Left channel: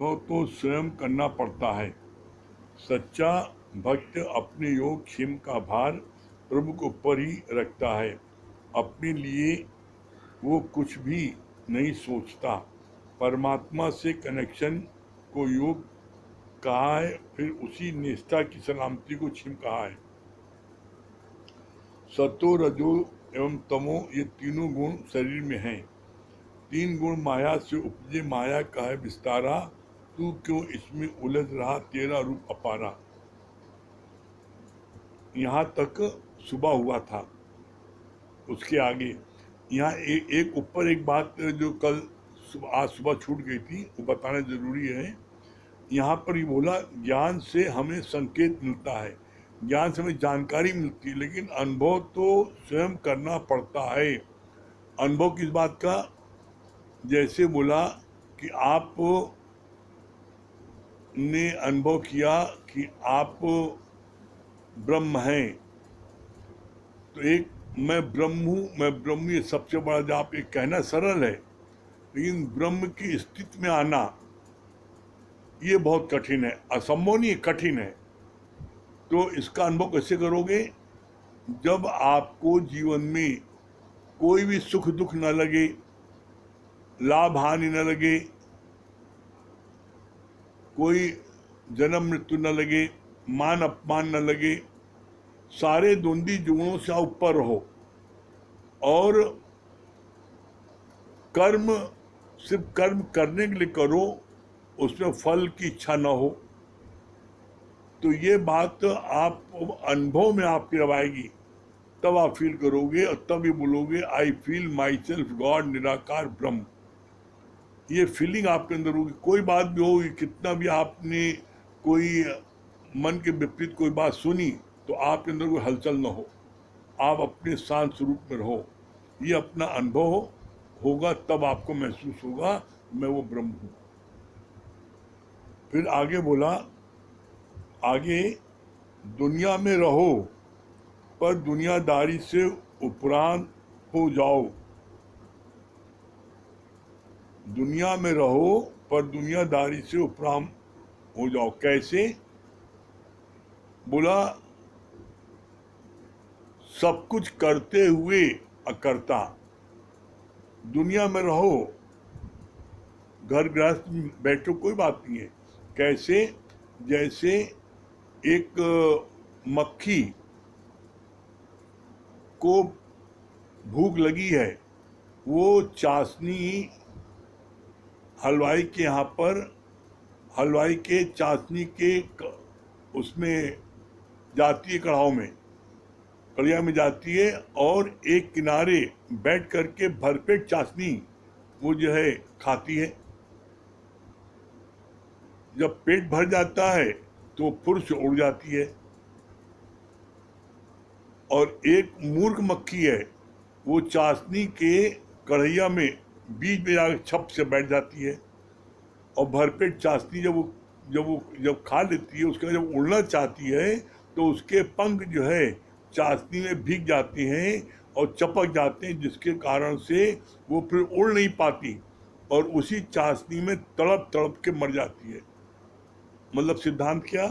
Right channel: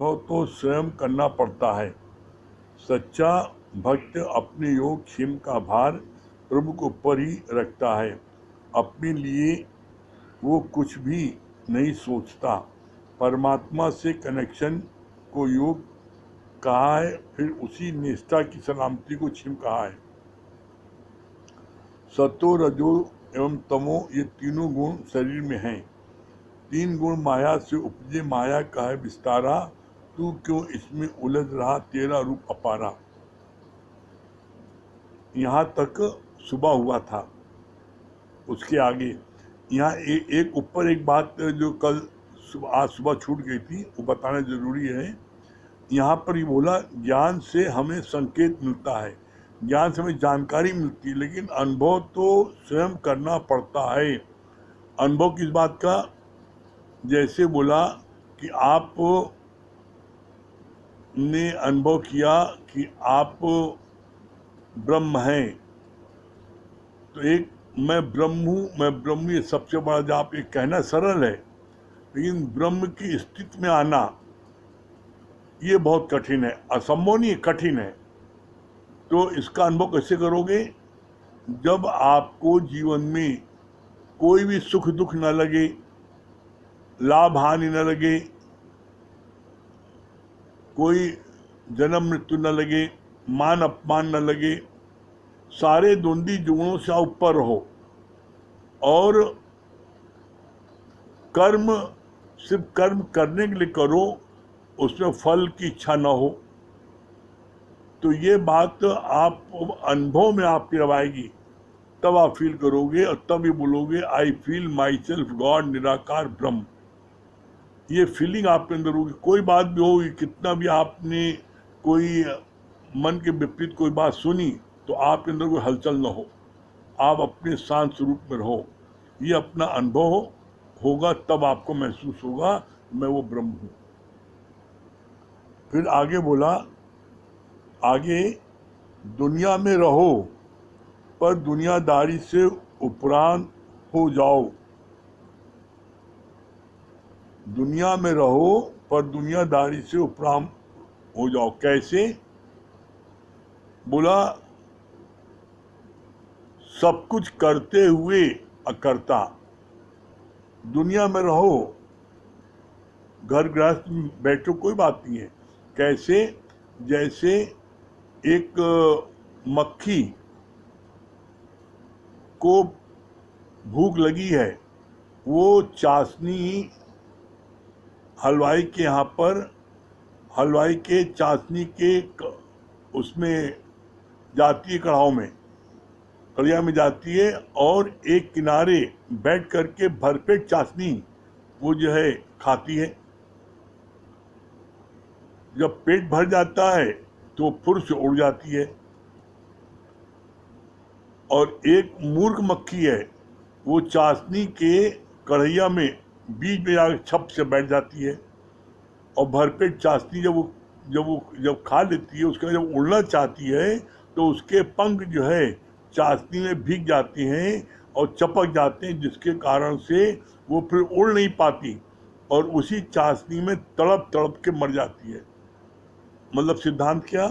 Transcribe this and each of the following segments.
अनुभव तो स्वयं करना पड़ता है। सच्चा भक्त अपने योग क्षेम का भार प्रभु के ऊपर ही रखता है। अपने लिए वो कुछ भी नहीं सोचता। परमात्मा से कनेक्शन को योग कहा है, फिर उसी निष्ठा की सलामती को छिम कहा है। सतो रजो एवं तमो ये तीनों गुण शरीर में हैं। तीन गुण माया से उपजे, माया का है विस्तारा। तू क्यों इसमें उलझ रहा, तेरा रूप अपारा। यहाँ तक सुबह हुआ था। उसके आगे यहाँ एक ऊपर एक बात जो कल आज सुबह छूट गई थी, वो बताना जरूरी है। यहाँ पर ये बोला, ज्ञान से हमें संकेत मिलता है, ज्ञान से हमें जानकारी मिलती है, लेकिन अनुभव तो स्वयं करना पड़ता है। अनुभव किस बात का? जैसे बोला कि आप ने अनुभव किया कि आप ब्रह्म हैं, तो एक मैं ब्रह्म हूँ, ये सबसे बड़ा जो आप ये कहना सरल है, लेकिन ब्रह्म की स्थिति में आना ये बहुत कठिन है। असंभव नहीं है, कठिन है। तो इसका अनुभव कैसे करोगे? जब आपको जीवन में कोई भी सुख दुख न लगे, लाभ हानि न लगे, कोई जन्म मृत्यु न लगे, मान अपमान न लगे, सारे द्वंद्वी जुगनों से आप ऊपर रहो और कर्म सिर्फ कर्म करने के लिए करो, उसमें फल की इच्छा न हो, तो ये बात आप अनुभव में आपकी जब आएगी तब आप फील करोगे और तब ये बोलोगे, I feel my self God, निराकार ब्रह्म। ये फीलिंग आपके अंदर होगी। कोई बात भी होगी, कितना भी आपने कोई मन के विपरीत कोई बात सुनी, तो आपके अंदर कोई हलचल न हो, आप अपने शांत स्वरूप में रहो। ये अपना अनुभव होगा, तब आपको महसूस होगा मैं वो ब्रह्म हूँ। फिर आगे बोला, आगे दुनिया में रहो पर दुनियादारी से उपरांत हो जाओ। दुनिया में रहो पर दुनियादारी से उपरांत हो जाओ। कैसे? बोला, सब कुछ करते हुए अकर्ता। दुनिया में रहो, घर गृहस्थ में बैठो, कोई बात नहीं है। कैसे? जैसे एक मक्खी को भूख लगी है, वो चाशनी हलवाई के यहाँ पर, हलवाई के चाशनी के उसमें जाती है, कढ़ाव में, कड़िया में जाती है, और एक किनारे बैठ करके भरपेट चाशनी वो जो है खाती है। जब पेट भर जाता है तो फुर से उड़ जाती है। और एक मूर्ख मक्खी है, वो चाशनी के कढ़ैया में बीच में जाकर छप से बैठ जाती है, और भरपेट चाशनी जब खा लेती है, उसके बाद जब उड़ना चाहती है तो उसके पंख जो है चाशनी में भीग जाते हैं और चपक जाते हैं, जिसके कारण से वो फिर उड़ नहीं पाती और उसी चाशनी में तड़प तड़प के मर जाती है। मतलब सिद्धांत क्या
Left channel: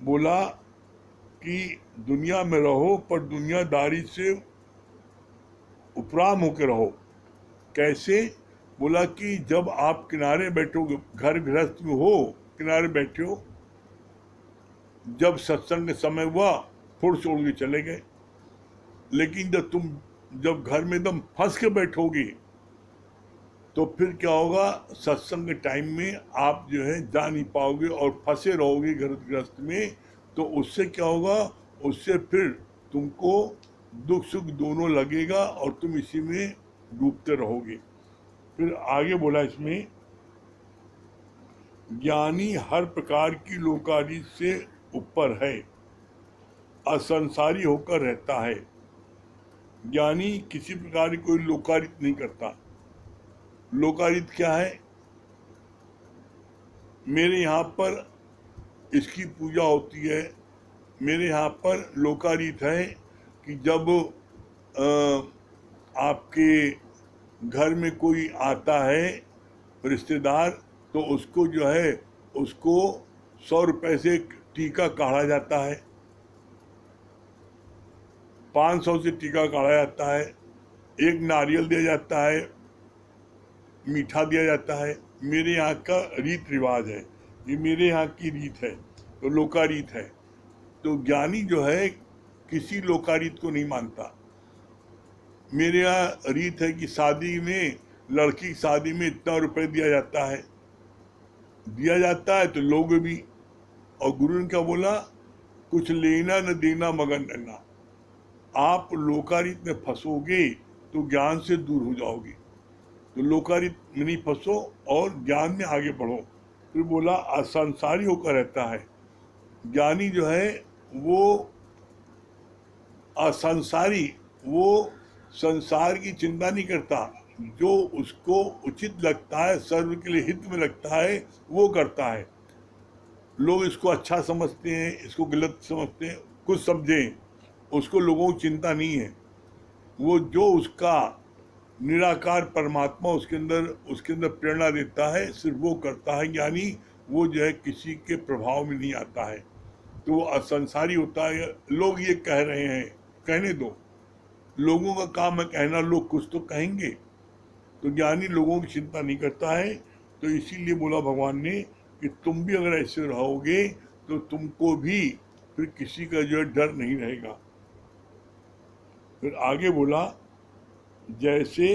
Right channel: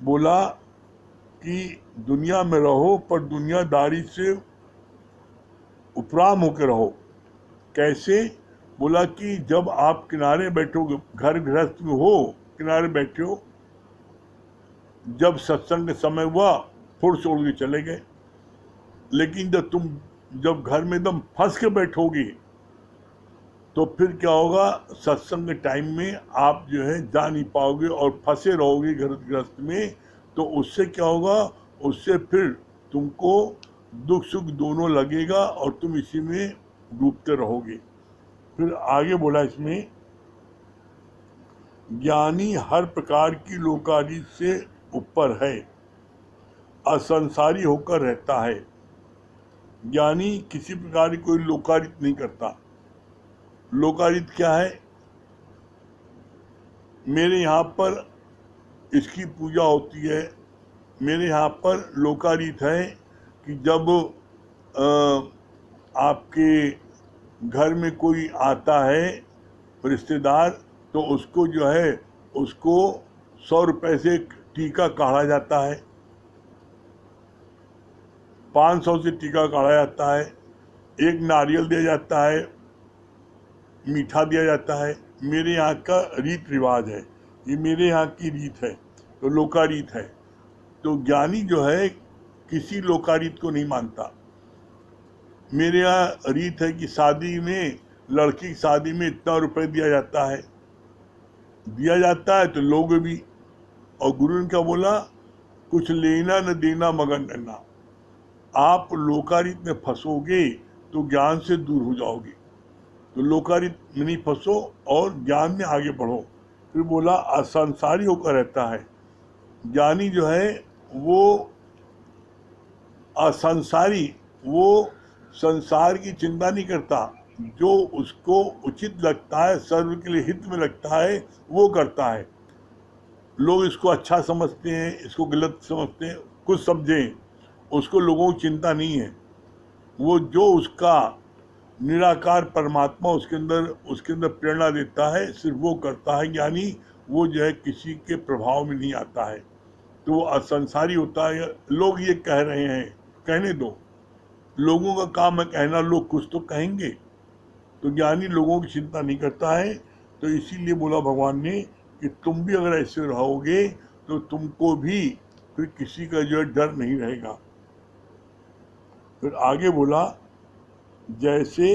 बोला कि दुनिया में रहो पर दुनियादारी से उपराम होकर रहो। कैसे? बोला कि जब आप किनारे बैठोगे, घर गृहस्थ में हो, किनारे बैठे हो, जब सत्संग समय हुआ फुर से उड़ के चले गए। लेकिन जब घर में एकदम फंस के बैठोगे तो फिर क्या होगा? सत्संग के टाइम में आप जो है जा नहीं पाओगे और फंसे रहोगे घर गृहस्थ में। तो उससे क्या होगा? उससे फिर तुमको दुख सुख दोनों लगेगा और तुम इसी में डूबते रहोगे। फिर आगे बोला इसमें, ज्ञानी हर प्रकार की लोकारित से ऊपर है, असंसारी होकर रहता है। ज्ञानी किसी प्रकार की कोई लोकारित नहीं करता। लोकारित क्या है? मेरे यहाँ पर इसकी पूजा होती है, मेरे यहाँ पर लोकारित है कि जब आपके घर में कोई आता है रिश्तेदार, तो उसको जो है उसको 100 रुपए से एक टीका काढ़ा जाता है, 500 से टीका काढ़ा जाता है, एक नारियल दिया जाता है, मीठा दिया जाता है। मेरे यहाँ का रीत रिवाज है, ये मेरे यहाँ की रीत है, तो लोकारीत है। तो ज्ञानी जो है किसी लोकारीत को नहीं मानता। मेरे यहाँ रीत है कि शादी में, लड़की की शादी में इतना रुपए दिया जाता है, तो लोग भी। और गुरु ने क्या बोला, कुछ लेना न देना मगर रहना। आप लोकारीत में फंसोगे तो ज्ञान से दूर हो जाओगे। तो लोकारीत में नहीं फंसो और ज्ञान में आगे बढ़ो। फिर बोला असंसारी होकर रहता है। ज्ञानी जो है वो असंसारी, वो संसार की चिंता नहीं करता, जो उसको उचित लगता है, सर्व के लिए हित में लगता है, वो करता है। लोग इसको अच्छा समझते हैं, इसको गलत समझते हैं, कुछ समझें, उसको लोगों की चिंता नहीं है। वो जो उसका निराकार परमात्मा उसके अंदर प्रेरणा देता है, सिर्फ वो करता है। यानी वो जो है किसी के प्रभाव में नहीं आता है, तो वो असंसारी होता है। लोग ये कह रहे हैं, कहने दो, लोगों का काम है कहना, लोग कुछ तो कहेंगे। तो ज्ञानी लोगों की चिंता नहीं करता है। तो इसीलिए बोला भगवान ने कि तुम भी अगर ऐसे रहोगे तो तुमको भी फिर किसी का जो है डर नहीं रहेगा। फिर आगे बोला, जैसे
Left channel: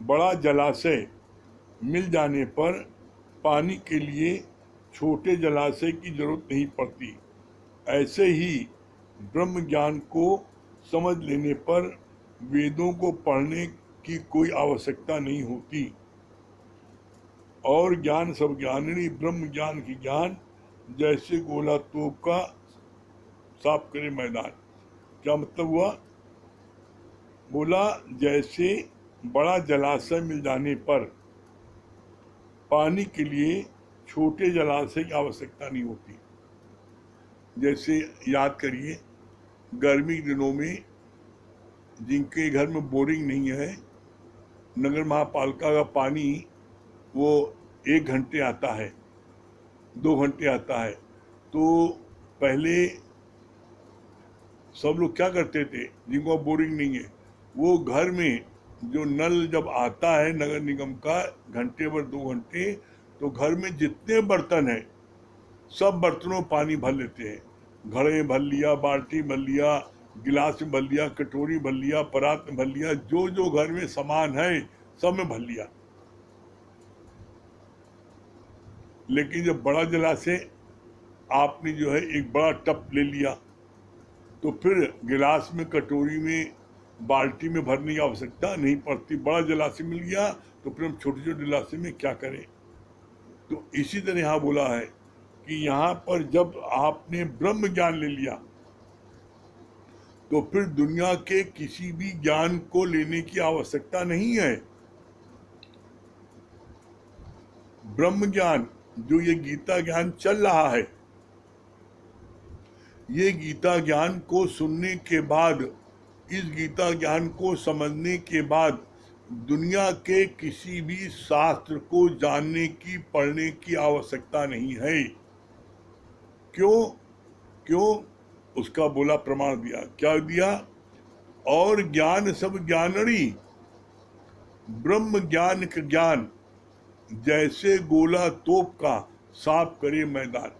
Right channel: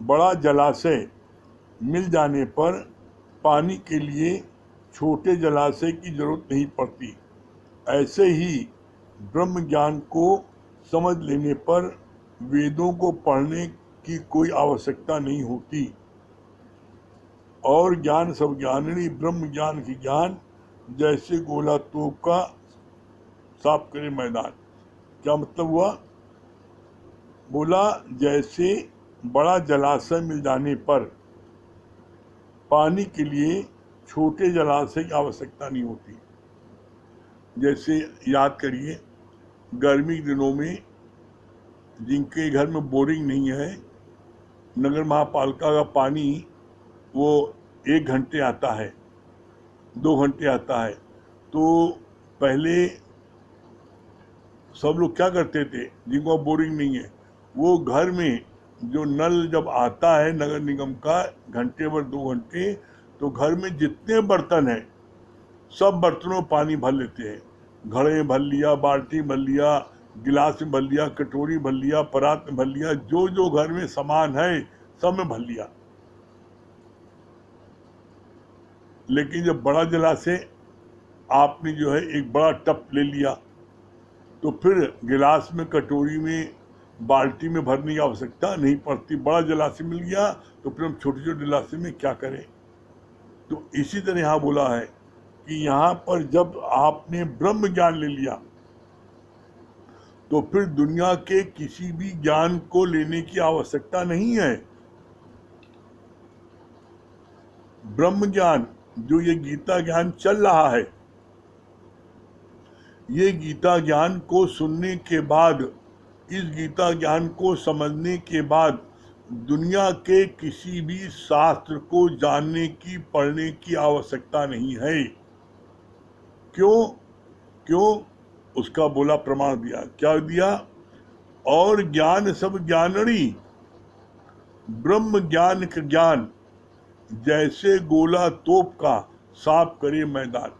बड़ा जलाशय मिल जाने पर पानी के लिए छोटे जलाशय की जरूरत नहीं पड़ती, ऐसे ही ब्रह्म ज्ञान को समझ लेने पर वेदों को पढ़ने की कोई आवश्यकता नहीं होती। और ज्ञान सब ज्ञानी ब्रह्म ज्ञान की ज्ञान, जैसे गोला तोप का साफ करे मैदान। क्या मतलब हुआ? बोला जैसे बड़ा जलाशय मिल जाने पर पानी के लिए छोटे जलाशय की आवश्यकता नहीं होती। जैसे याद करिए, गर्मी के दिनों में जिनके घर में बोरिंग नहीं है, नगर महापालिका का पानी वो 1 घंटे आता है, 2 घंटे आता है। तो पहले सब लोग क्या करते थे, जिनको बोरिंग नहीं है, वो घर में जो नल जब आता है नगर निगम का, घंटे भर 2 घंटे, तो घर में जितने बर्तन हैं सब बर्तनों में पानी भर लेते हैं। घड़े भर लिया, बाल्टी भर लिया, गिलास में भर लिया, कटोरी भर लिया, परात में भर लिया, जो जो घर में सामान है सब में भर लिया। लेकिन जब बड़ा जलाशय आपने जो है एक बड़ा टप ले लिया, तो फिर गिलास में, कटोरी में, बाल्टी में भरने की आवश्यकता नहीं पड़ती। बड़ा जलाशय मिल गया तो फिर हम छोटे छोटे जलाशय में क्या करें। तो इसी तरह यहाँ बोला है कि यहाँ पर जब आपने ब्रह्म ज्ञान ले लिया तो फिर दुनिया के किसी भी ज्ञान को लेने की आवश्यकता नहीं है। ब्रह्म ज्ञान, जो ये गीता ज्ञान चल रहा है, ये गीता ज्ञान को सुनने के बाद, इस गीता ज्ञान को समझने के बाद दुनिया के किसी भी शास्त्र को जानने की, पढ़ने की आवश्यकता नहीं है। क्यों? उसका बोला प्रमाण दिया। क्या दिया? और ज्ञान सब ज्ञानड़ी, ब्रह्म ज्ञान का ज्ञान, जैसे गोला तोप का साफ करे मैदान।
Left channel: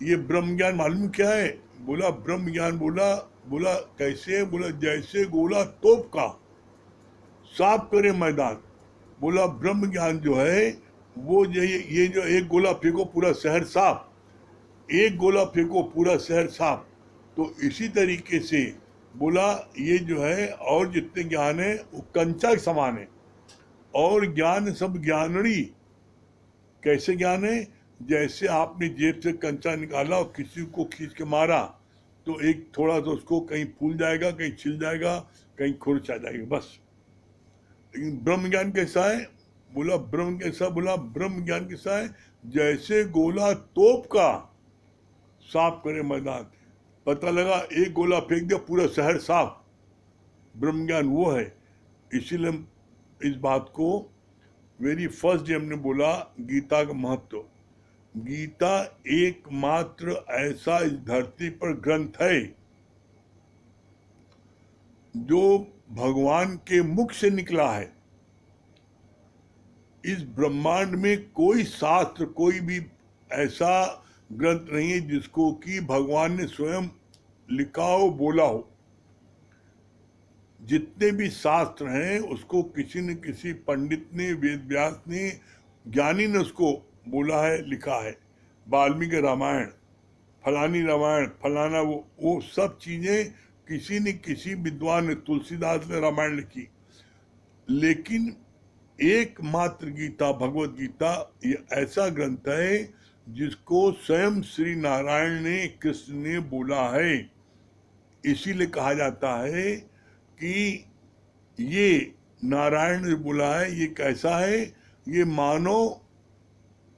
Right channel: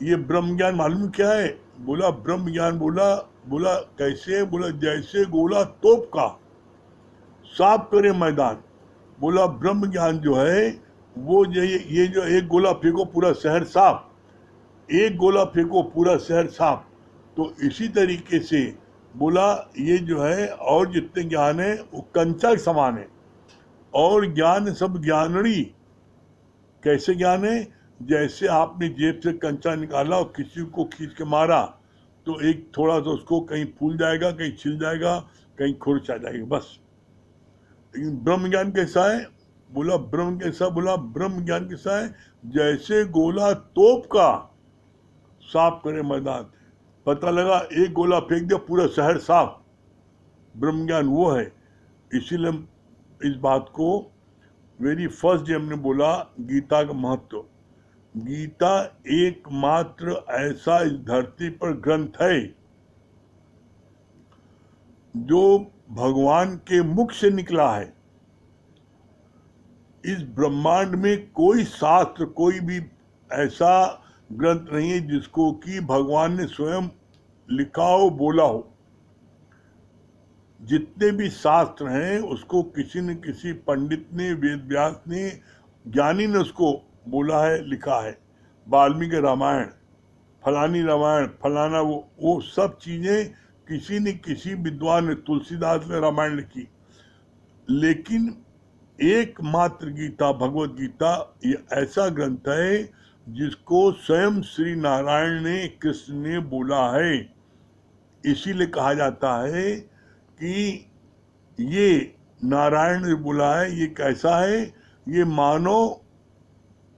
ये ब्रह्म ज्ञान मालूम क्या है? बोला ब्रह्म ज्ञान, बोला कैसे? बोला जैसे गोला तोप का साफ करे मैदान। बोला ब्रह्म ज्ञान जो है वो ये जो एक गोला फेंको पूरा शहर साफ, एक गोला फेंको पूरा शहर साफ। तो इसी तरीके से बोला ये जो है और जितने ज्ञान है वो कंचा के समान है। और ज्ञान सब ज्ञानड़ी, कैसे ज्ञान है? जैसे आपने जेब से कंचा निकाला और किसी को खींच के मारा तो एक थोड़ा सा उसको कहीं फूल जाएगा, कहीं छिल जाएगा, कहीं खुरच आ जाएगी, बस। लेकिन ब्रह्म ज्ञान कैसा है? बोला ब्रह्म कैसा? बोला ब्रह्म ज्ञान कैसा है? जैसे गोला तोप का साफ करे मैदान। पता लगा एक गोला फेंक दिया पूरा शहर साफ। ब्रह्म ज्ञान वो है। इसीलिए इस बात को वेरी फर्स्ट डे हमने बोला गीता का महत्व। गीता एकमात्र ऐसा इस धरती पर ग्रंथ है जो भगवान के मुख से निकला है। इस ब्रह्मांड में कोई शास्त्र, कोई भी ऐसा ग्रंथ नहीं है जिसको कि भगवान ने स्वयं लिखा हो, बोला हो। जितने भी शास्त्र हैं उसको किसी न किसी पंडित ने, वेद व्यास ने, ज्ञानी ने उसको बोला है, लिखा है। वाल्मीकि रामायण, फलानी रामायण, फलाना वो सब चीजें किसी न किसी विद्वान ने, तुलसीदास ने रामायण लिखी। लेकिन एकमात्र गीता, भगवत गीता, ये ऐसा ग्रंथ है जिसको स्वयं श्री नारायण ने, कृष्ण ने बोला है। इसीलिए कहा जाता है कि ये नारायण ने बोला है। ये कैसा है? ये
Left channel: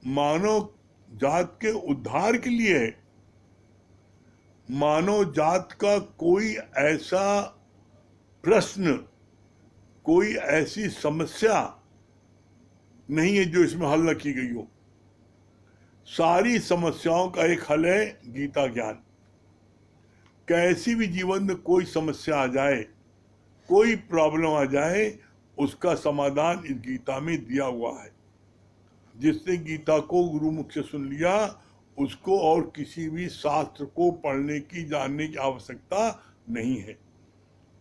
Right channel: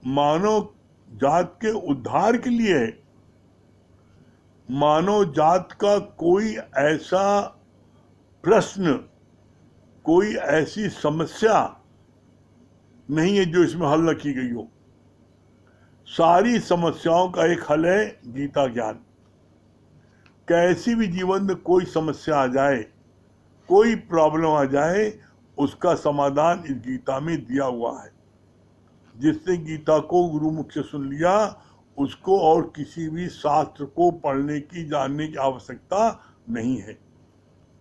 मानव जात के उद्धार के लिए है। मानव जात का कोई ऐसा प्रश्न, कोई ऐसी समस्या नहीं है जो इसमें हल न की गई हो। सारी समस्याओं का एक हल है गीता ज्ञान। कैसी भी जीवन में कोई समस्या आ जाए, कोई प्रॉब्लम आ जाए, उसका समाधान इस गीता में दिया हुआ है। जिसने गीता को गुरु मुख से सुन लिया, उसको और किसी भी शास्त्र को पढ़ने की, जानने की आवश्यकता नहीं है।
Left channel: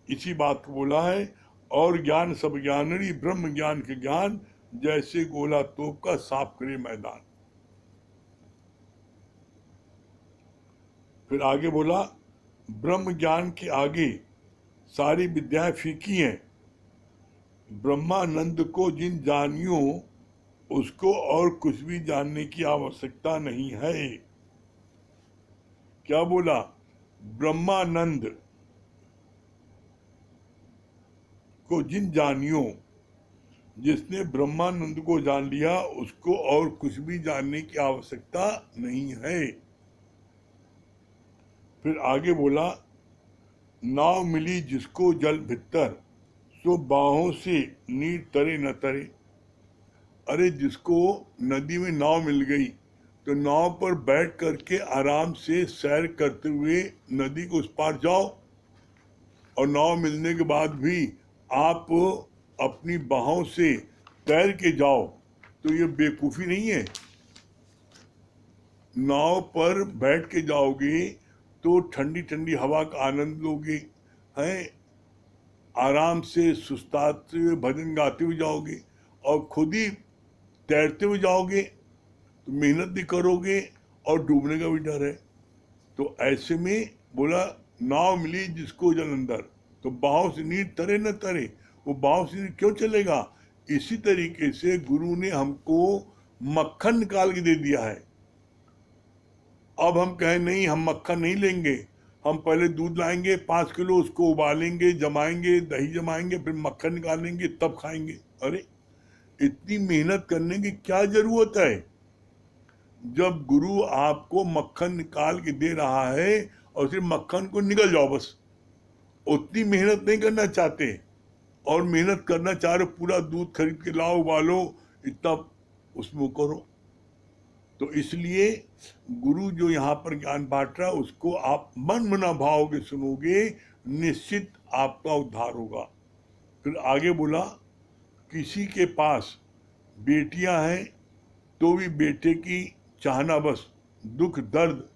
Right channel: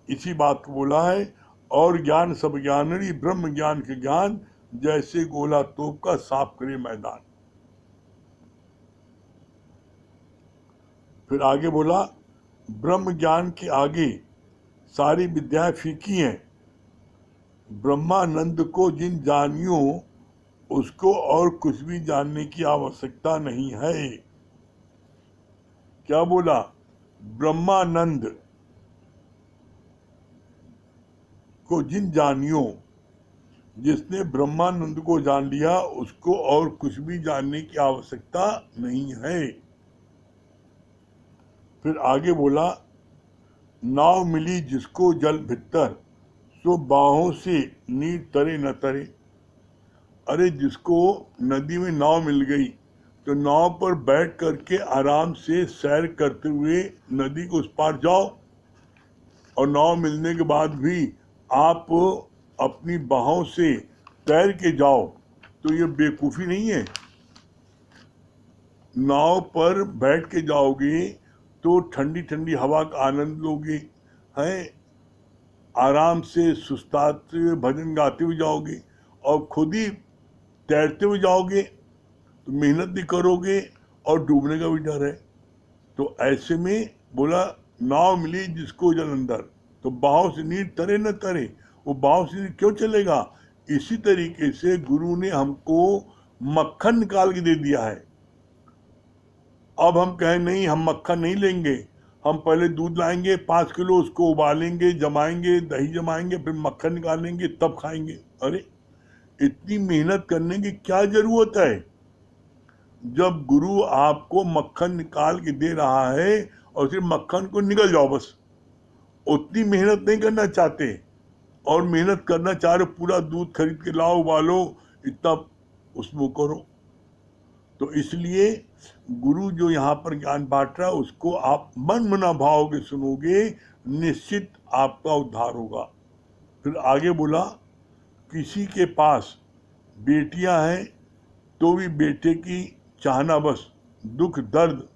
इसी बात को बोला है। और ज्ञान सब ज्ञानरी, ब्रह्म ज्ञान के ज्ञान जैसे गोला तोप का साफ करे मैदान। फिर आगे बोला, ब्रह्म ज्ञान के आगे सारी विद्याएं फीकी हैं। ब्रह्मानंद को जिन जानियो, उसको और कुछ भी जानने की आवश्यकता नहीं है। क्या बोला? ब्रह्मानंद को जिन जानियो, जिसने ब्रह्मानंद को जान लिया, उसको और कुछ भी जानने की आवश्यकता नहीं है। फिर आगे बोला, नाव मिली जिसको जल भित्तर, सो बाहों से नीर तरे न तरे। अरे जिसको नदी में नाव मिल गई तो नाव पर बैठ करके आराम से सैर करते हुए नदी को उस पार जाओ, और नाव मिलने के बाद भी आप अपनी बाहों से तैर के जाओ, तो ये बेवकूफ़ी नहीं है। नाव पर बैठ के जाओगे तो ठंडी ठंडी हवा का आनंद लोगे, हैं, आराम से सुस्ताते हुए भजन गाते हुए जाओगे, और खुद ही तैरते हुए जाओगे तो मेहनत भी करोगे और डूबने का भी डर है। तो ऐसे में बोला, नाव मिली जिसको जल अंदर, तो बाहों से नीर तरे न तरे। वो बाहों से क्यों चलेगा? इसी तरीके से गुरु ने हमको मक्खन निकाल के दे दिया है। अब हम कहें नहीं, हम मक्खन नहीं लेंगे, हम पहले दूध लाएंगे 5 किलो, उसको उबालेंगे, जमाएंगे, दही जमाएंगे, फिर मक्खन निकालेंगे, तब खाएंगे। अरे इतनी मेहनत करने की क्या जरूरत है? जब गुरु आपको मक्खन निकाल के दे रहा है और सिर्फ मक्खन को निकल जाओ बस, उतनी मेहनत नहीं करना चाहते। और मेहनत करना चाह रहे, पूरा दूध खरीद के लाओ, उबालो, इतना उसमें करो। तो इसलिए गुरु जो यहाँ पर ज्ञान बांट रहा है, उसको आप मन मना भाव के सुनोगे, निश्चित आपका उद्धार होगा। फिर आगे बोला, किसी के पास बेटियां हैं तो भी बेटे की चाहना बस दुख दर्द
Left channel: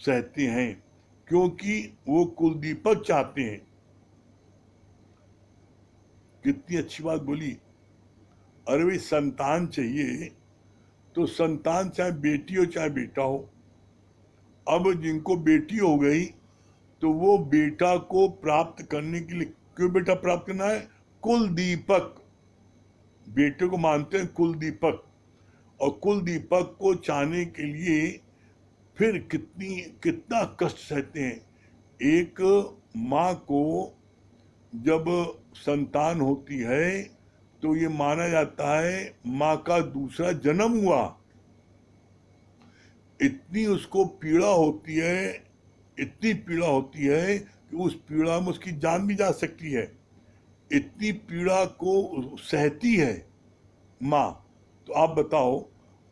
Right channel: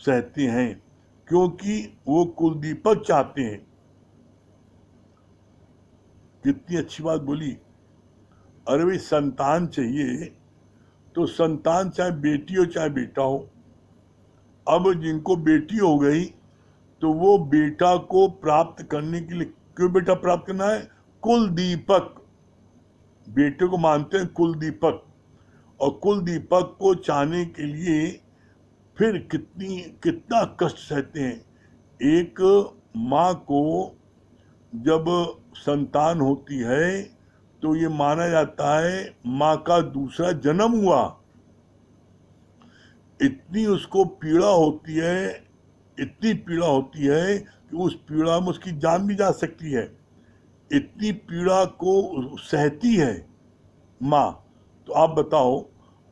सहते हैं, क्योंकि वो कुलदीपक चाहते हैं। कितनी अच्छी बात बोली। अरे भाई, संतान चाहिए तो संतान चाहे बेटी हो चाहे बेटा हो। अब जिनको बेटी हो गई तो वो बेटा को प्राप्त करने के लिए, क्यों बेटा प्राप्त करना है? कुल दीपक, बेटे को मानते हैं कुल दीपक, और कुल दीपक को चाहने के लिए फिर कितना कष्ट सहते हैं। एक माँ को जब संतान होती है तो ये माना जाता है माँ का दूसरा जन्म हुआ। इतनी उसको पीड़ा होती है, इतनी पीड़ा होती है कि उस पीड़ा में उसकी जान भी जा सकती है। इतनी पीड़ा को सहती है माँ, तो आप बताओ,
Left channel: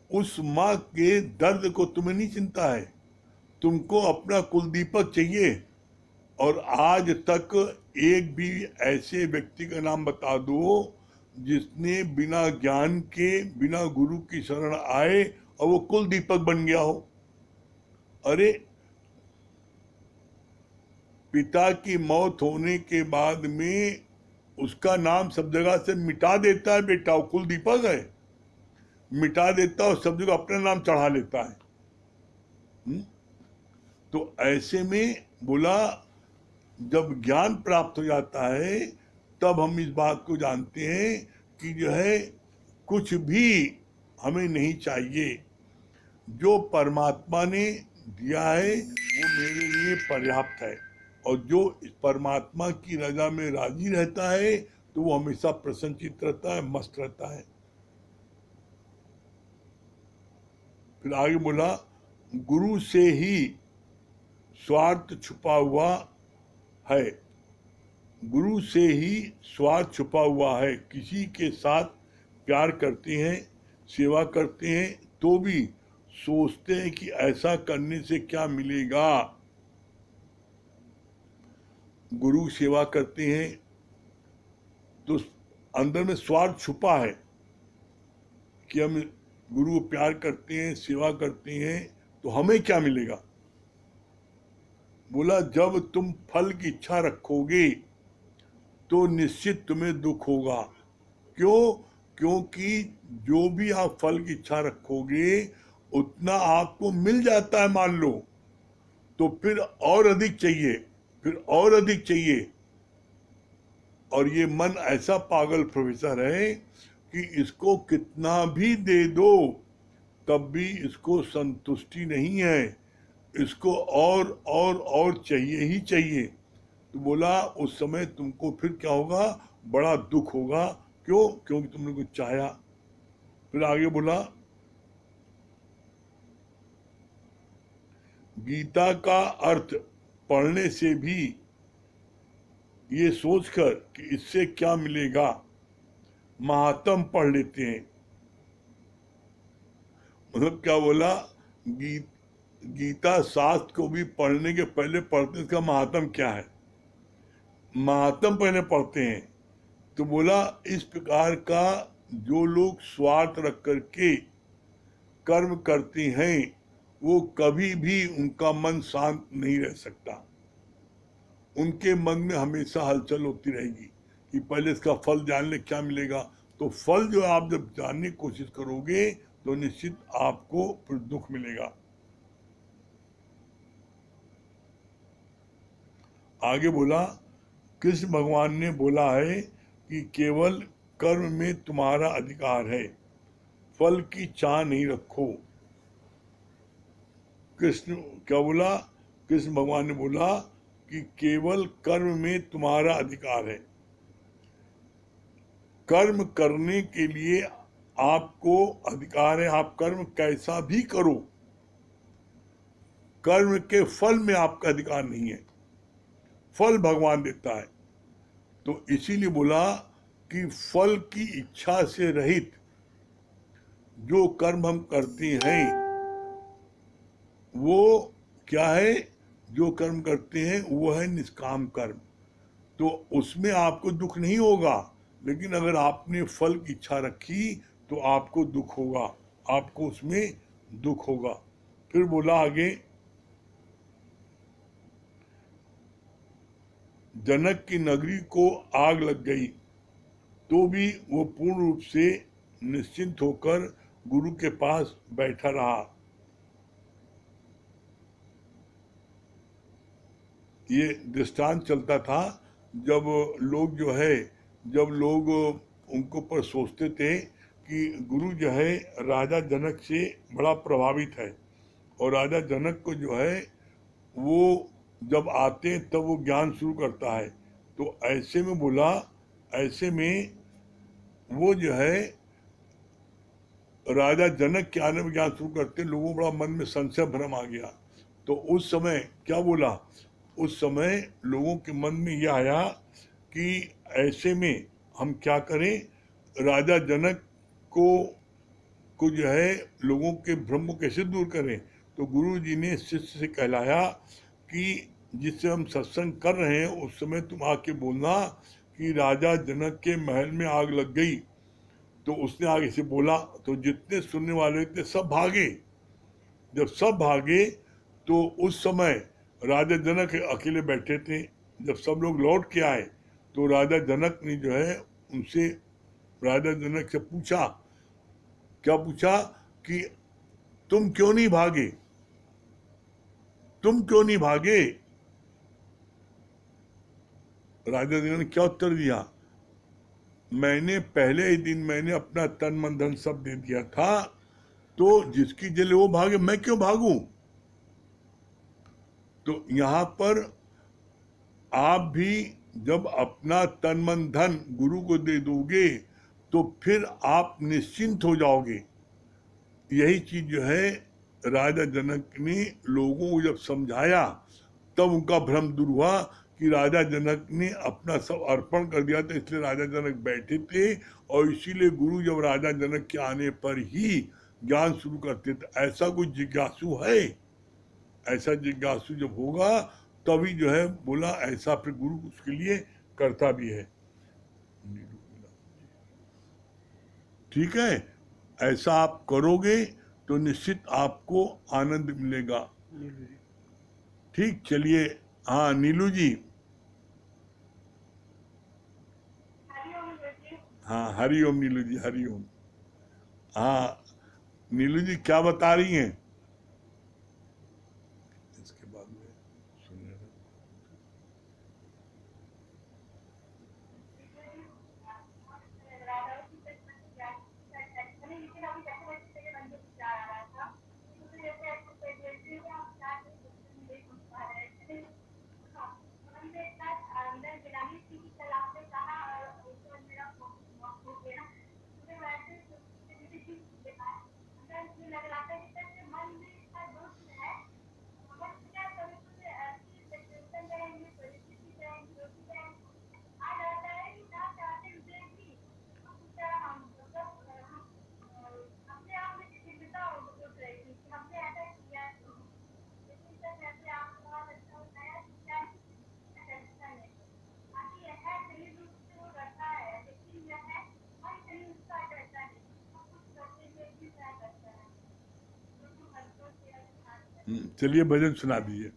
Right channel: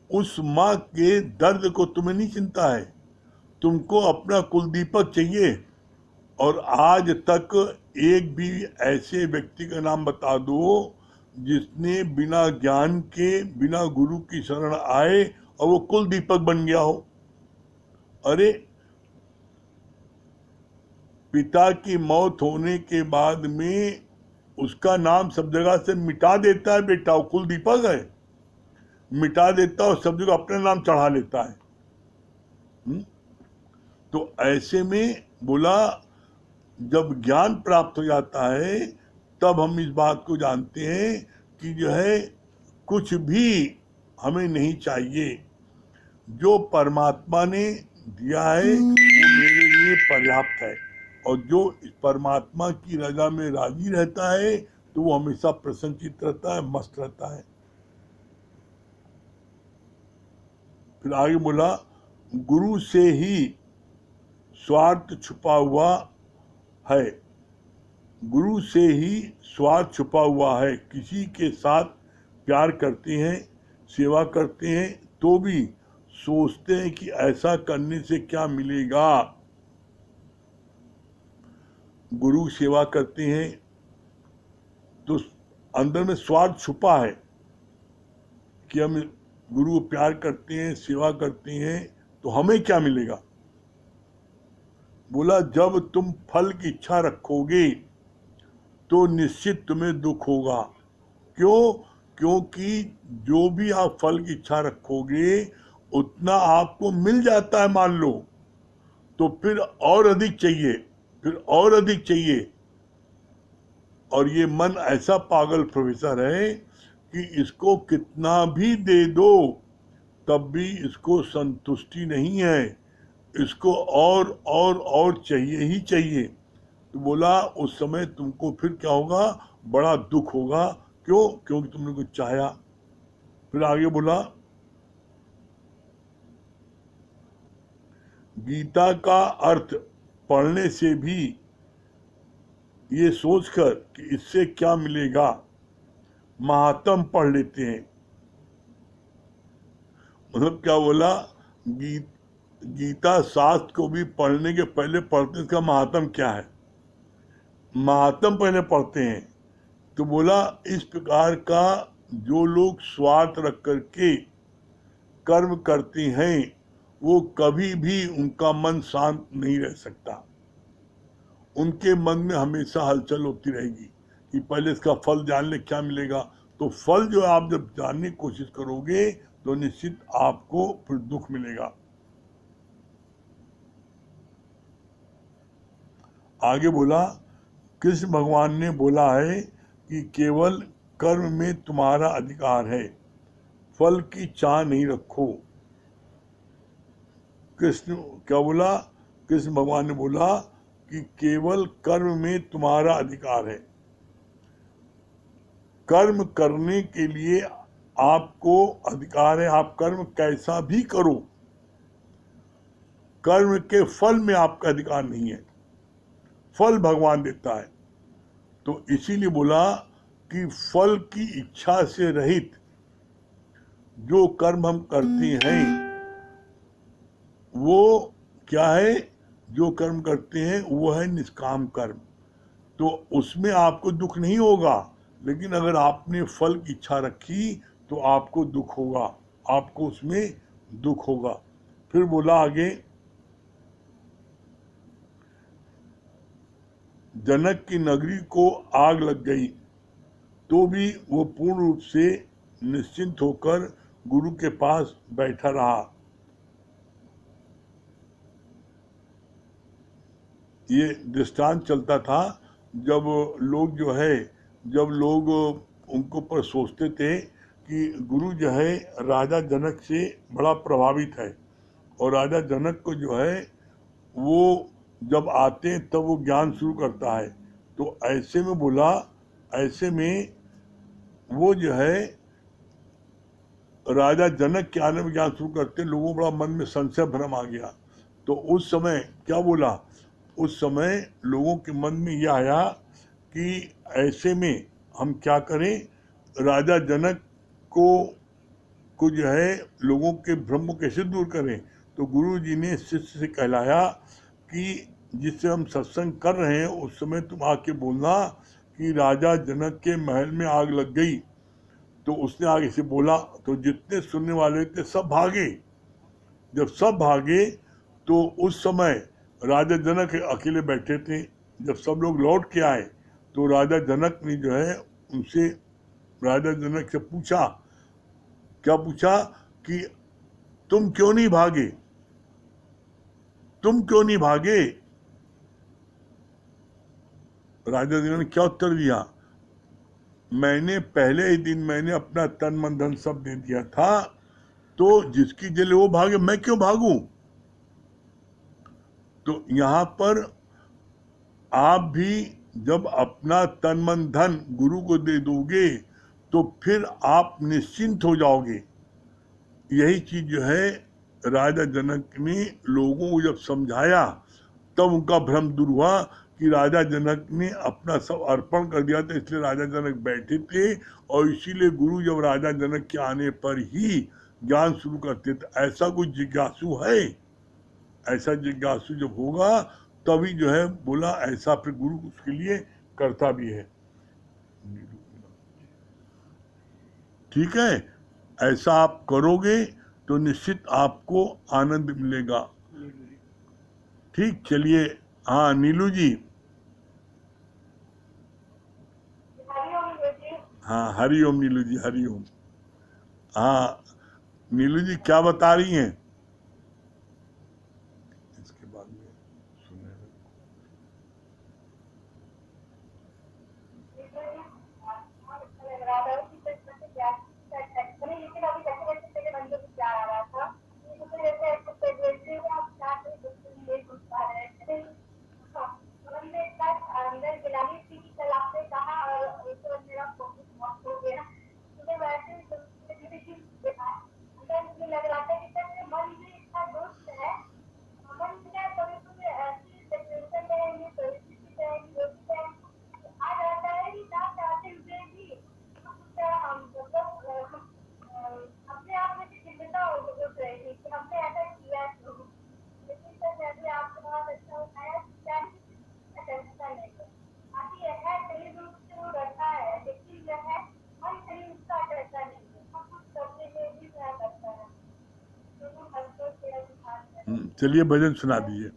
उस माँ के दर्द को तुम्हें नहीं चिंता है? तुमको अपना कुलदीपक चाहिए, और आज तक एक भी ऐसे व्यक्ति का नाम बता दो जिसने बिना ज्ञान के, बिना गुरु की शरण आए और वो कुलदीपक बन गया हो। अरे, पिता की मौत होने के बाद में उसका नाम सब जगह से मिटा देता है बेटा, वो कुलदीपक है, मिटा देता है और सब जगह अपना नाम चढ़ा लेता है। तो ऐसे में बोला, जब ज्ञान प्राप्त हो जाता है तब हम इस बात को जानते हैं कि जो है कुछ भी हमें नहीं चाहिए, जो परमात्मा ने दिया है वो मेरे लिए पर्याप्त है, और जो इस परमात्मा की रजा में राजी रहता है तो वो हमेशा प्रसन्नचित्त रहता है, मस्त रहता है। फिर आगे बोला, गुरु से ही स्वार्थ छुपा हुआ है, गुरु से ही स्वार्थ छुपा हुआ है। किसी के साथ प्यार करते हैं, सेवा करते हैं, तो भी सोचते हैं कि ऐसा करने से क्या मिलेगा। गुरु सेवा करते हैं तो अंदर में स्वार्थ छुपा है कि हम गुरु को प्यार करते हैं, सेवा करते हैं, तो हमें क्या मिलेगा। बोला, जब तुम फल की इच्छा रखोगे तो निश्चित तुम्हें दुख होगा। क्यों? क्योंकि जो भी आप फल की इच्छा रखोगे उतना आपको मिल जाता है मान लो, तो फिर और अधिक चाहिए, फिर और अधिक चाहिए। और ये मन ऐसा पागल प्रोफेसर है कि इसको कितना भी दे दो तब भी इसको संतुष्टि नहीं है, इसको और चाहिए ही चाहिए। तो बोला, उस समय तुमको फिर क्या होगा, बड़ा दुख होगा। क्यों? क्योंकि तुमने कुछ चाहा। फिर आगे बोला, गीता का अर्थ पढ़ने से भी ये सोचकर कि इससे क्या मिलेगा, महात्म पढ़ लेते हैं। मतलब क्या बोला, गीता शास्त्र को भी पढ़ने के पहले पढ़ते हैं इसका महात्म क्या है, महात्म पहले पढ़ते हैं। तो बोला, इस प्रकार का जो लोग स्वार्थ रख करके कर्म करते हैं वो कभी भी उनका मन शांत नहीं रह सकता, उनके मन में हमेशा हलचल होती रहेगी कि पहले इसका फल जान ले क्या मिलेगा। तो फल जो आप जब जानने की कोशिश करोगे तो निश्चित आपको फिर दुख मिलेगा। आगे बोला, कृष्ण भगवान ने बोला है कि केवल कर्म में तुम्हारा अधिकार है, फल की चाह नहीं रखो। कृष्ण क्या बोला? कृष्ण भगवान ने बोला कि केवल कर्म में तुम्हारा अधिकार है, कर्म करने के लिए आपको अधिकार है, आप कर्म कैसा भी करो, कर्म के फल में आपका अधिकार नहीं है, फल भगवान देता है। तो इसीलिए बोला कि फल की इच्छा से रहित जो कर्म हम करते हैं वो क्या है, जो कर्म करते हैं वो है निष्काम कर्म, तो उसमें आपको दुख नहीं होगा। लेकिन अगर आपने फल की इच्छा रखी तो आपको दुख होगा, आपको उसमें दुख होगा। फिर बोला आगे, जनक की नगरी को आग लग गई तो भी वो पूर्ण रूप से निश्चिंत होकर गुरु के पास बैठा रहा। ये दृष्टांत चलता था जब लोग जो है, जब लोग उनको पर सोचते थे कि गुरु जो है राजा जनक से बड़ा प्रभावित है, और राजा जनक को जो है वो जब आते हैं तब वो ज्ञान शुरू करता है। तो ऐसे में बोला, ऐसे में वो जो है राजा जनक के आने में ज्ञान शुरू करते, लोगों को बड़ा मन में संशय भ्रम आ गया। तो उस समय क्या बोला, उस समय लोगों के मन में यह आया कि ऐसे में हम क्या करें, राजा जनक को को जो है लोगों के भ्रम को कैसे दूर करें। तो गुरु जी ने शिष्य से कहलाया कि जिससे हम सत्संग कर रहे हैं उस समय तुम आके बोलना कि राजा जनक के महल में आग लग गई। तो उसने आगे से बोला तो जितने सुनने वाले थे सब भागे। जब सब भागे तो उस समय राजा जनक अकेले बैठे थे। जब सब लोग लौट के आए तो राजा जनक ने जो है उनसे राजा जनक से पूछा, क्या पूछा कि तुम क्यों नहीं भागे, तुम क्यों नहीं भागे। राजा जनक ने क्या उत्तर दिया, मैंने पहले ही दिन मैंने अपना तन मन धन सब दे दिया था, तो जिसकी जले वो भागे, मैं क्यों भागूं। तो यहां पर आप भी जब अपना तन मन धन गुरु को दे दोगे तो फिर आप निश्चिंत हो जाओगे। यही चीज जो है राजा जनक ने लोगों को जब समझाया तब उनका भ्रम दूर हुआ कि राजा जनक ने अपना सब अर्पण कर दिया था, इसलिए राजा जनक बैठे थे। और इसीलिए गुरु जब राजा जनक के आने पर ही ज्ञान शुरू करते थे। ऐसा कोई जिज्ञासु है, ऐसा जिज्ञासु जब होगा तभी जो है बोला, ऐसा फिर गुरु उसके लिए करता भी है। ठीक है, ऐसा आप करोगे तो निश्चित आपको आनंद मिलेगा। ठीक, चलिए। हाँ नीलू जी। हाँ हरिओम नीलू जी, हरिओम। हाँ नीलू जी क्या बता रही हैं। इसके बाद में सुने चलिए भजन सुना दीजिए।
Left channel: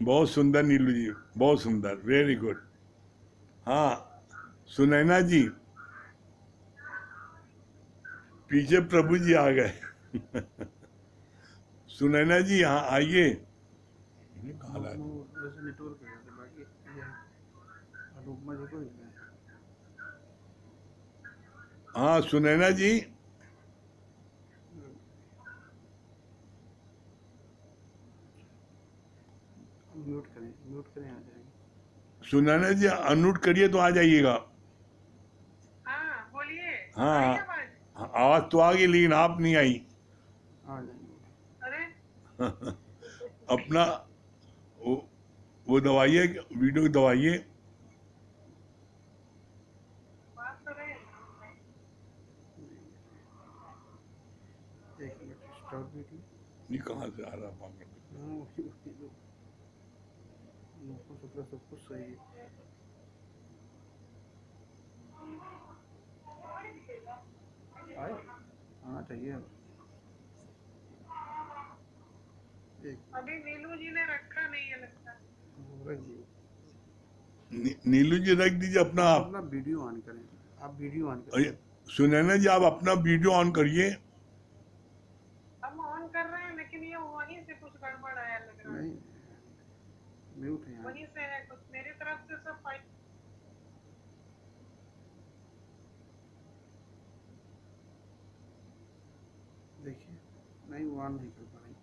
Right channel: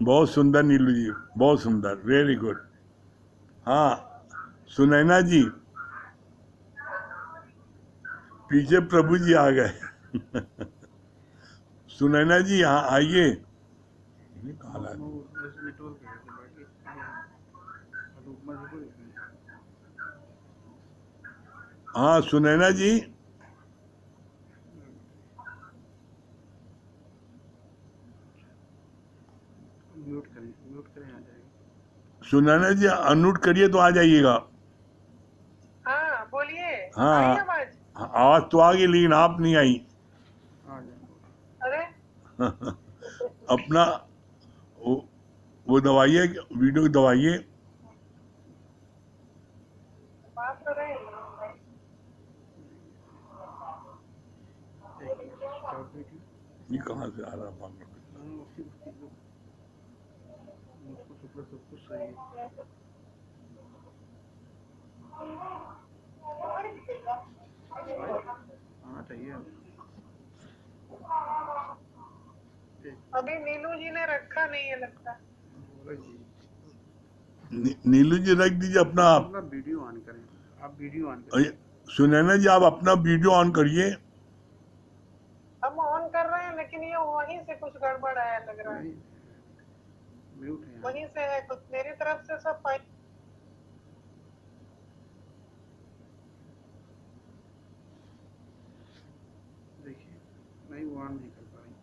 बहुत सुंदर नीलू जी, बहुत सुंदर, वेरी गुड। हाँ सुनैना जी, पीछे प्रभु जी आ गए। सुनैना जी यहाँ आइए। कहाँ ला दी? हाँ सुनैना जी, सुनैना जी अनम्यूट करिए तो आ जाइएगा। हाँ बोलिए। आई हाँ आवाज? आवाज तो आ गई लेकिन आप नहीं आई। अरे अपना वो दबाइए, वीडियो दबाइए। बात तो रहे। ये कहाँ से आ रहा पागल? अभी नीलू जी ने रखा नहीं है लगता। नीलू जी रख दीजिए अपना। आप वीडियो ऑन करें, आप वीडियो ऑन करें। सुनैना जी आप अपना वीडियो ऑन करिए। हम ऑन कर रहे हैं लेकिन ये वहीं से कुछ गड़बड़ है लग रहा है। म्यूट है वहीं से है कुछ, मेरी तरफ से सब फाइन। देखिए, नहीं वो ऑन नहीं कर पा रही।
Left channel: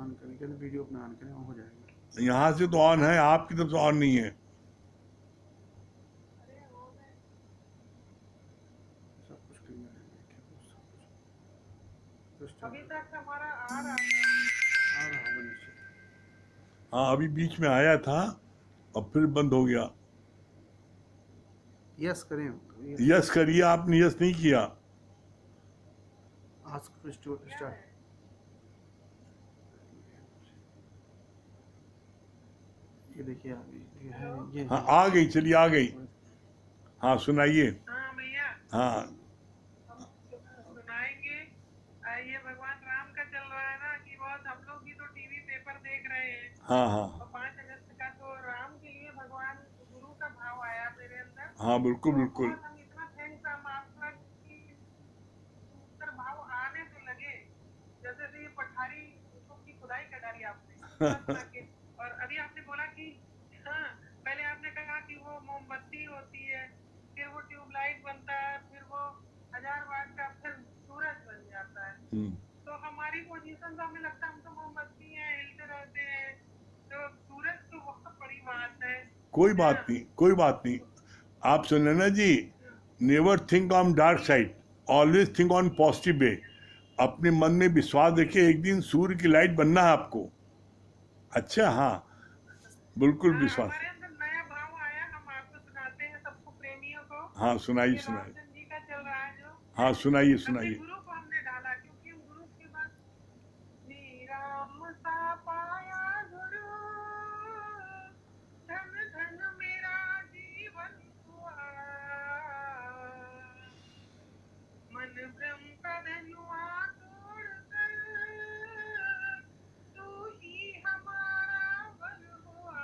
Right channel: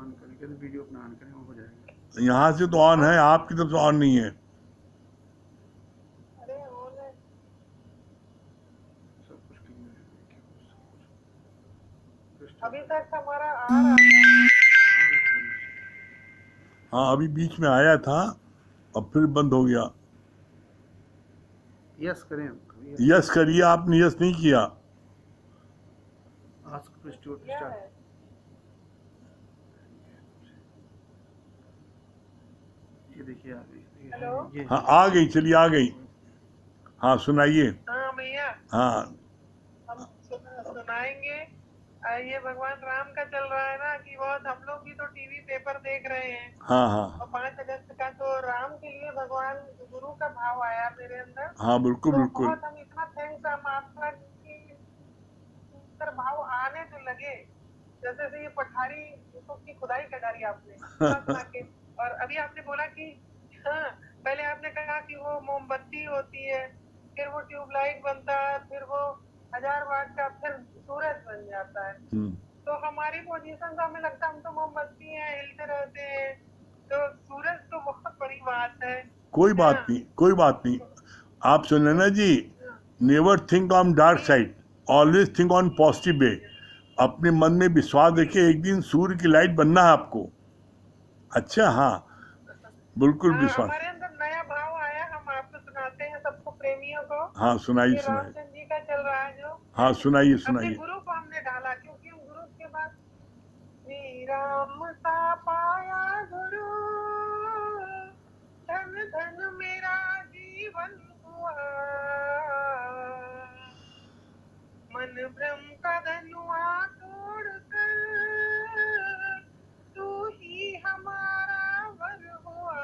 ऑन करें, कहते वीडियो अपना ऑन करें, हो जाएगा। यहाँ से तो ऑन है, आपकी तरफ से ऑन नहीं है। अरे ऑन है। सब कुछ क्लियर है, देखिए कुछ अभी तक हमारा आ रहा है। हाँ अभी बीच में आया था और फिर बंद हो गया। यस करें, यस करिए, आपने यस नहीं किया। आस्क टू क्या स्टार्ट। है? ये देखिए आ गई। हेलो? ये हाँ आ गई, चलिए आ गई। हाँ सुनाइए। हाँ भैया हाँ हम सुनाएंगे। ये भगवान राम का चल रहा है ना कि बहुत, हम लोग भी तो टीवी पेपर देख रहे हैं। हाँ हाँ और 5 अगस्त का तो राम के लिए भगवान गुरु का भाव आया मेरे अंदर। हाँ बिल्कुल तो बिल्कुल। बहुत हम इतना थैंक्स हम आपका कि अंदर भाव आने तो लगे जैसे से ये पठारी की खुदाई कर डाली आपने खा के। और अभी आपने बोला कि हाँ, पहले आपने कहा कि वो मोमबत्ती होती है, फिर वो ट्यूबलाइट बनता है, फिर वो 1000 वाट का फिर सूरज बन जाता है। तो हमारी पोजीशन तो हमें लगता है हम तो मोमबत्ती हैं, हिलते रहते हैं, तो सूरज तो बहुत बड़ी बात है। कोई बात नहीं, कोई बात नहीं। आप सुन लेना जी, never think on dark side, always think on positive way. अपने मन में विश्वास रखिए, एक दिन सूर्य की लाइट बनना है आपको। अच्छा, हाँ, बिल्कुल विश्वास। हमारे अंदर नया भाव आया, हम आपको सुनाते हैं सबको, प्रेमियों को। हाँ, सुनाइए ये सुनाइए। रामचंद्र जी का चल रहा है जो। हाँ, सुनाइए अपने सुनाइए। गुरु को हमने ढाला, क्योंकि गुरु के बाद श्री राम सा पाया गुरु, धन धन मेरा जीवन हुआ, मन भ्रम का धनुआ तोड़कर तू ही हमारा वर हुआ,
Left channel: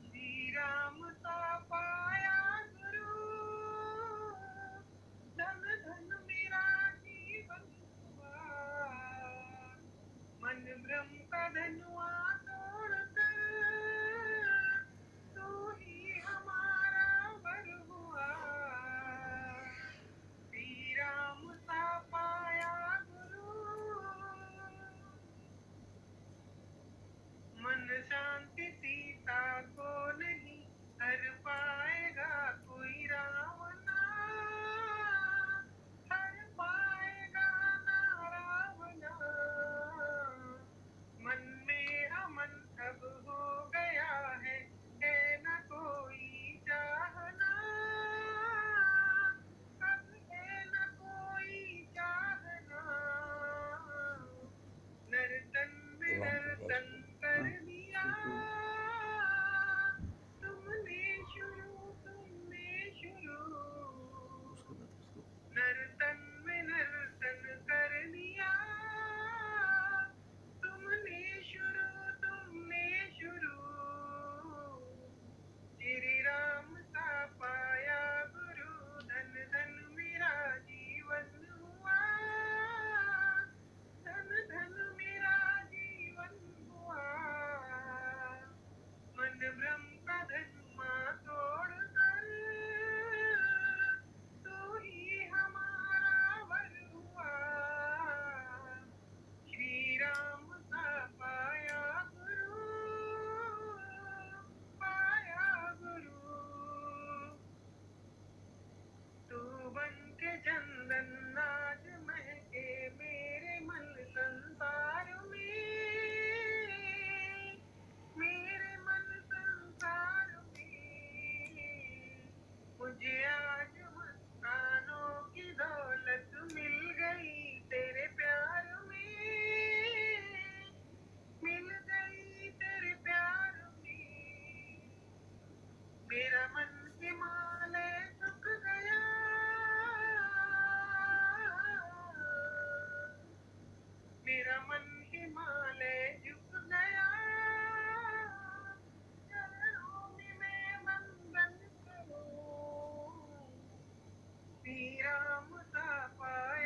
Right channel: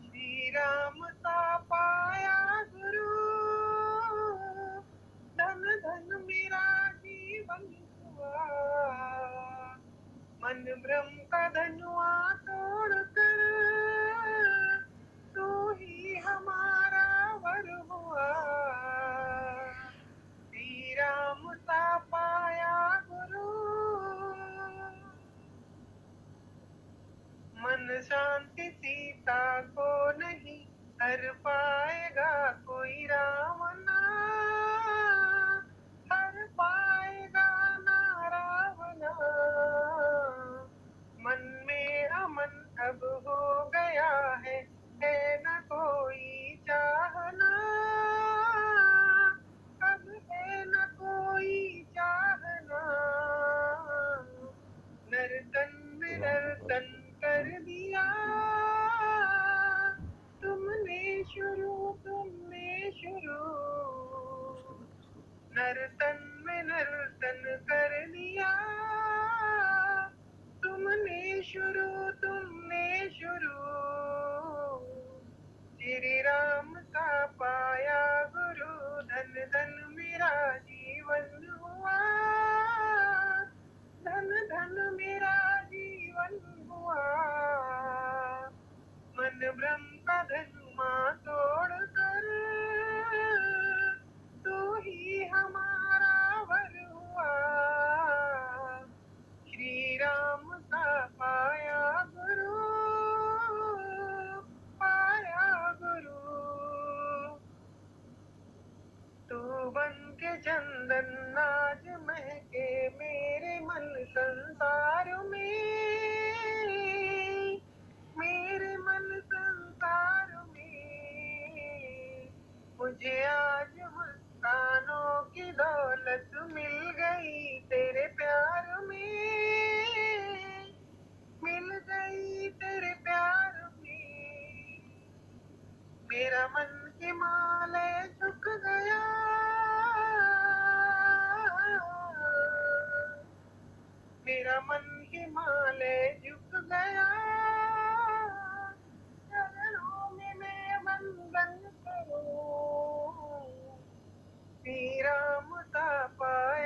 श्री राम सा पाया गुरु, धन धन मेरा जीवन हुआ, मन भ्रम का धनुआ तोड़कर तू ही हमारा वर हुआ, श्री राम सा पाया गुरु, मन शांति सीता को नहीं हर पाएगा कोई, राम ना हर पाएगा ना रावणा, मन में अमन अब हो गया है न कोई चाहना, अब है न कोई चाहना, नर्तन में नर्तन कर दिया तुमने शुरू, नर्तन में नर्तन कर दिया तुमने शुरू, श्री राम का पाया गुरु, धन धन मेरा जीवन हुआ, धन धन मेरा जीवन हुआ, मन भ्रम का धनुआ तोड़कर तू ही हमारा वर हुआ, श्री राम का पाया गुरु, पाया गुरु, तू बन के चंदन आज महके मेरे मन संसार में, मेरे मन संसार में, मुझे आज मुस्कानों की दौलत मिल गई तेरे प्यार में, मिल गई तेरे प्यार में, मेरा मन हिमालय झुक गया, मेरा मन हिमालय झुक गया, चरणों में मैं वंदन करूं, श्री राम का पाया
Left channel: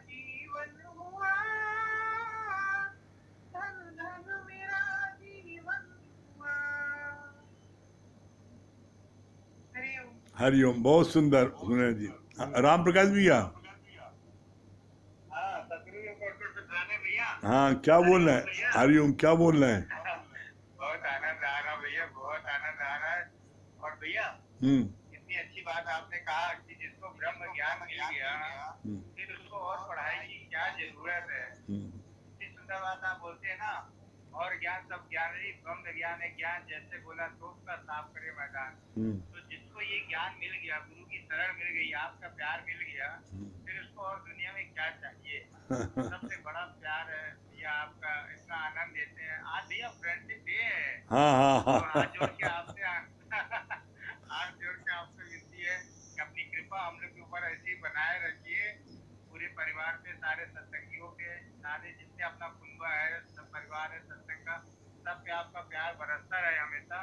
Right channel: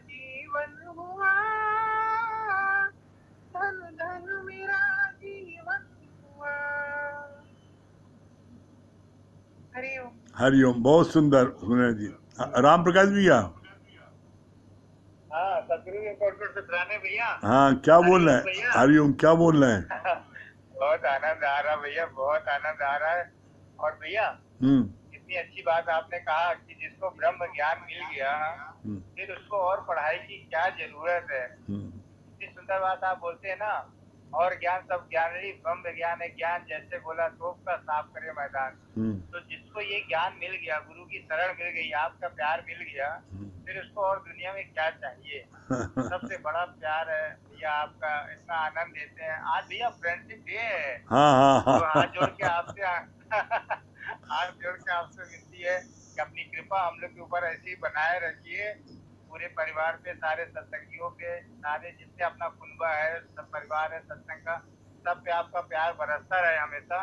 जीवन हुआ, धन धन मेरा जीवन हुआ। हरिओम। हरिओम, बहुत सुंदर सुने जी। राम प्रकाश भैया, हाँ सतगुरु के कॉर्पोरेट से पुराने भैया। हाँ क्या बोल रहे हैं? भैया हरिओम, क्या बोल रहे हैं? बहुत आनंद आ रहा है भैया, बहुत आनंद आ रहा है। और भैया इतनी अच्छी बात आपने कहा कि जिसको ब्रह्म ज्ञान मिल गया फिर उसको और पढ़ाई की क्या जरूरत है। इतनी सुंदर बात आप बोलते हैं ना। और ज्ञान सब ज्ञान ही ब्रह्म ज्ञान है ज्ञान, जैसे बोला तोप का साफ करे मैदान। तो जिसको ये ज्ञान मिल गया, गुरु की शरण मिल गई, आपका प्यार मिल गया, फिर उसको और दुनिया में क्या चाहिए। सबसे बड़ा प्यार है भैया आपका, इतना आनंद देते हैं। आज भैया फ्रेंडशिप डे है, हाँ तो हाथ जोड़ के आपसे हाथ जोड़ के आपसे विनती है कि अपनी कृपा हम लोग के ऊपर ऐसी ही बनाए रखिए, पूरे परिवार पे, सारे सत्संगियों पे, सारे जितने अपना कुनबा है, सब परिवार है सत्संग का, सब पे आपका प्यार बरसता रहे हमेशा।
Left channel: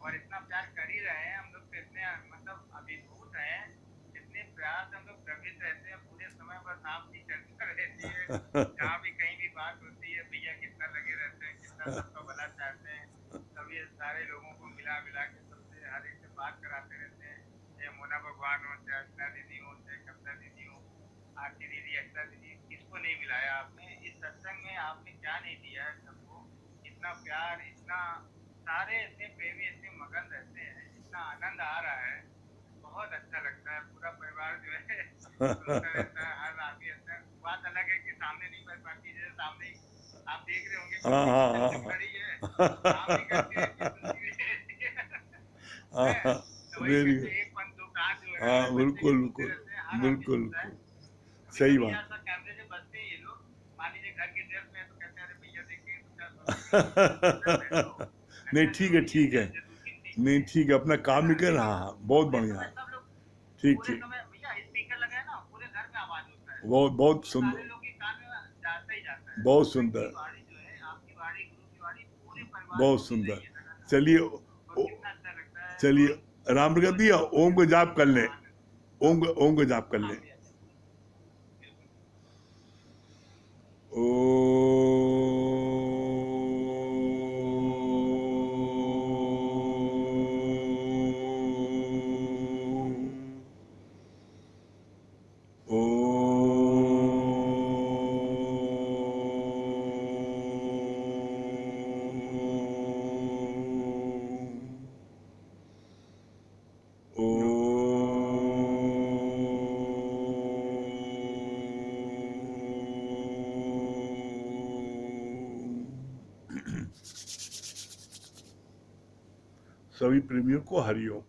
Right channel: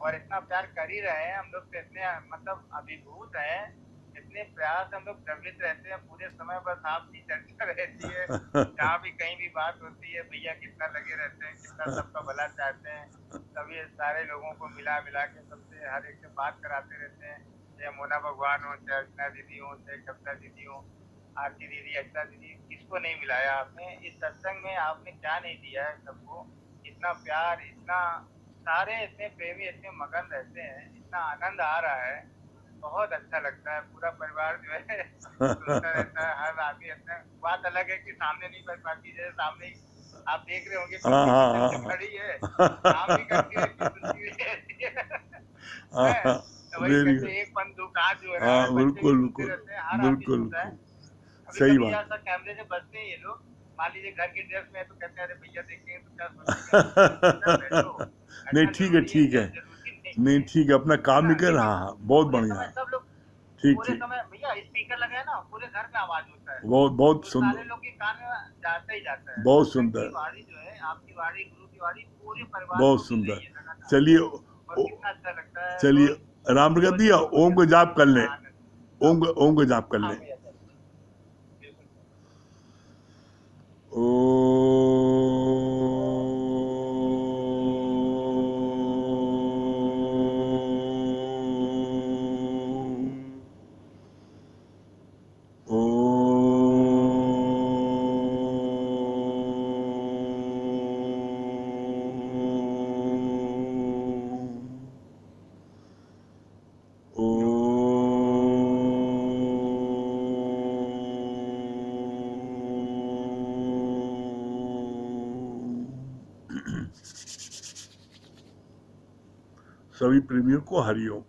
और इतना प्यार कर ही रहे हैं हम लोग तो, इतने मतलब अभिभूत हैं, इतने प्यार से हम लोग द्रवित रहते हैं पूरे समय। बस आपकी चर्चा रहती है, जहाँ भी कहीं भी बात होती है भैया कितना लगे रहते हैं, कितना सबका भला चाहते हैं, सभी सारे लोगों को मिला मिला के सबसे हर एक से बात कराते रहते हैं। चाहे मोना भगवान हो, चाहे अर्चना दीदी हो, चाहे कविता दीदी हो, आरती दीदी, अक्षता दीदी, किसको नहीं मिलाया आपने इस सत्संग में। आपने क्या नहीं दिया है सबको, इतना प्यार, इतना सारे इतने प्रेमी, इतने मगन रहते हैं, इतना आनंद आ रहा है, बहुत अच्छा लगता है। पूरा परिवार जो है सुनता रहता है, हर आदमी अपना। बात अलग है कि सामने नहीं कर पाती, जैसे सामने ही आप देख रहे होंगे खड़ी है, काम भी करती रहती है, सुनती भी रहती है। तो वही वेरी कहते गुड। हैं, एक पन दो काज जो है ना, हाँ बच्चे भी बिल्कुल सुनते बिल्कुल रहते हैं, हर आदमी बिल्कुल सुनता है। बिल्कुल अभी सही कभी बात। ऐसा कैमरे से बचते हैं ये लोग, मान लीजिए घर के ड्रेस में है, तो कहते हैं अरे भैया देखें तो क्या सोचेंगे। नहीं ऐसा ठीक है, जरूरी ठीक है, जरूरी नहीं ठीक है, अपना काम ही कर। हाँ हाँ, बहुत पूरे बढ़िया समय है। सब लोग, ठीक पूरे ठीक, समय भैया स्पीकर लगा है ना, पूरे घर में आवाज होता है, बहुत बहुत तो सारे सुंदर, लोग के कान में जाता ही जाता है। बहुत सत्संग की सुंदर, वाणी जो है, आपकी वाणी, गुरु की वाणी पूरे परिवार बहुत को मिल सुंदर। रही है लगातार, चलिए और कितना अच्छा लगता है। चलिए, रोज राम प्रकाश रोज भैया, ओम को जाप कर कितना लें। आनंद। ओम को जाप कर हाँ लें। भैया सर, बिल्कुल। सभी प्रेमियों को हरिओम।